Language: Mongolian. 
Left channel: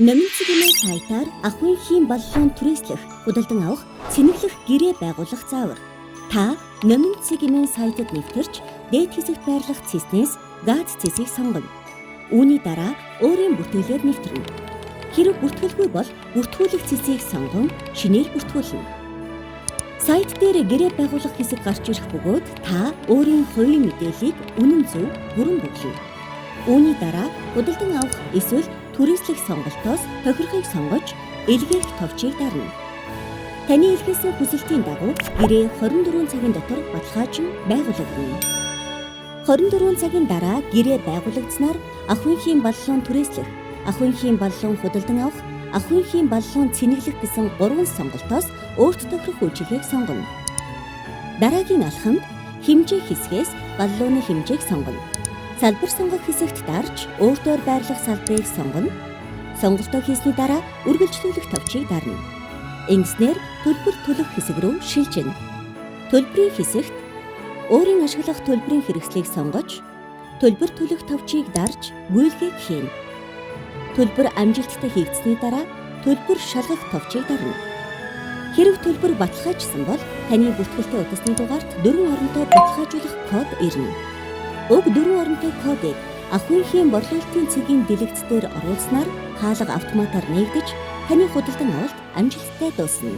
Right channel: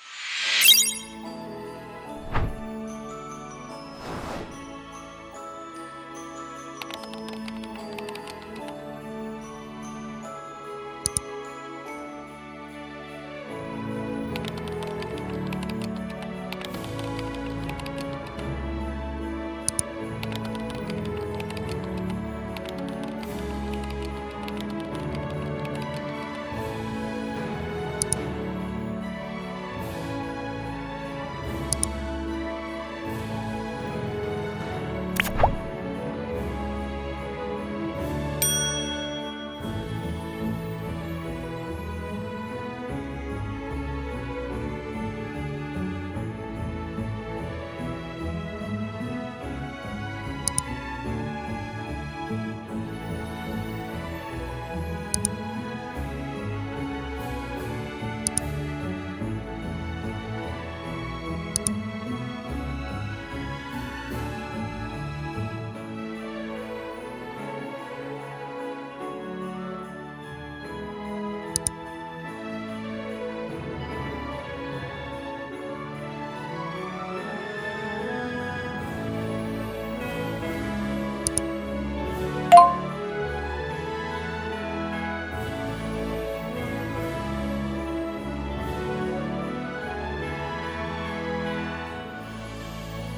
Номын цэгийн сайтаар ахуйн хийм боллон түрээслэх, худалдан авах, цэнэглэх гэрээ байгуулах заавар. Та номын цэгийн сайтад нэвтэрч, дээд хэсэгт байрлах цэснээс газ цэсийг сонгоно. Үүний дараа өөрийн бүртгэлээр нэвтэрнэ. Хэрэв бүртгэлгүй бол бүртгүүлэх цэсийг сонгон шинээр бүртгүүлнэ. Сайт дээр гэрээ байгуулах хэсэг гарч ирэх бөгөөд та өөрийн хувийн мэдээллийг үнэн зөв бүрэн бүглэнэ. Үүний дараа худалдан авах эсвэл түрээслэх сонголтоос тохирохыг сонгож илгээх товчийг дарна. Таны илгээсэн хүсэлтийн дагуу гэрээ 24 цагийн дотор баталгаажин байгуулагдана. 24 цагийн дараа гэрээ байгуулагдсанаар ахуйн хийм боллон түрээслэх, ахуйн хийм боллон худалдан авах, ахуйн хийм боллон цэнэглэх гэсэн 3 сонголтоос өөрт тохирох үйлчилгээг сонгоно. Дараагийн алхамд хэмжээ хэсгээс боллооны хэмжээг сонгоно. Салбар сонгох хэсэгт дарж өөртөө байрлах салбарыг сонгоно. Сонголтоо хийсний дараа үргэлжлүүлэх товчийг дарна. Ингэснээр төлбөр төлөх хэсэг рүү шилжинэ. Төлбөрийн хэсэгт өөрийн ашиглах төлбөрийн хэрэгслийг сонгож, төлбөр төлөх товчийг дарж гүйлгээг хийнэ. Төлбөр амжилттай хийгдсэний дараа төлбөр шалгах товчийг дарна. Хэрэв төлбөр баталгаажсан бол таны бүртгэлтэй утасны дугаарт 4 оронтой баталгаажуулах код ирнэ. Уг 4 оронтой кодыг ахуйн хийм борлуулалтын цэгийн дэлгэцээр оруулснаар хаалга автоматар нээгдэж таны худалдан авалт амжилттай дуусна.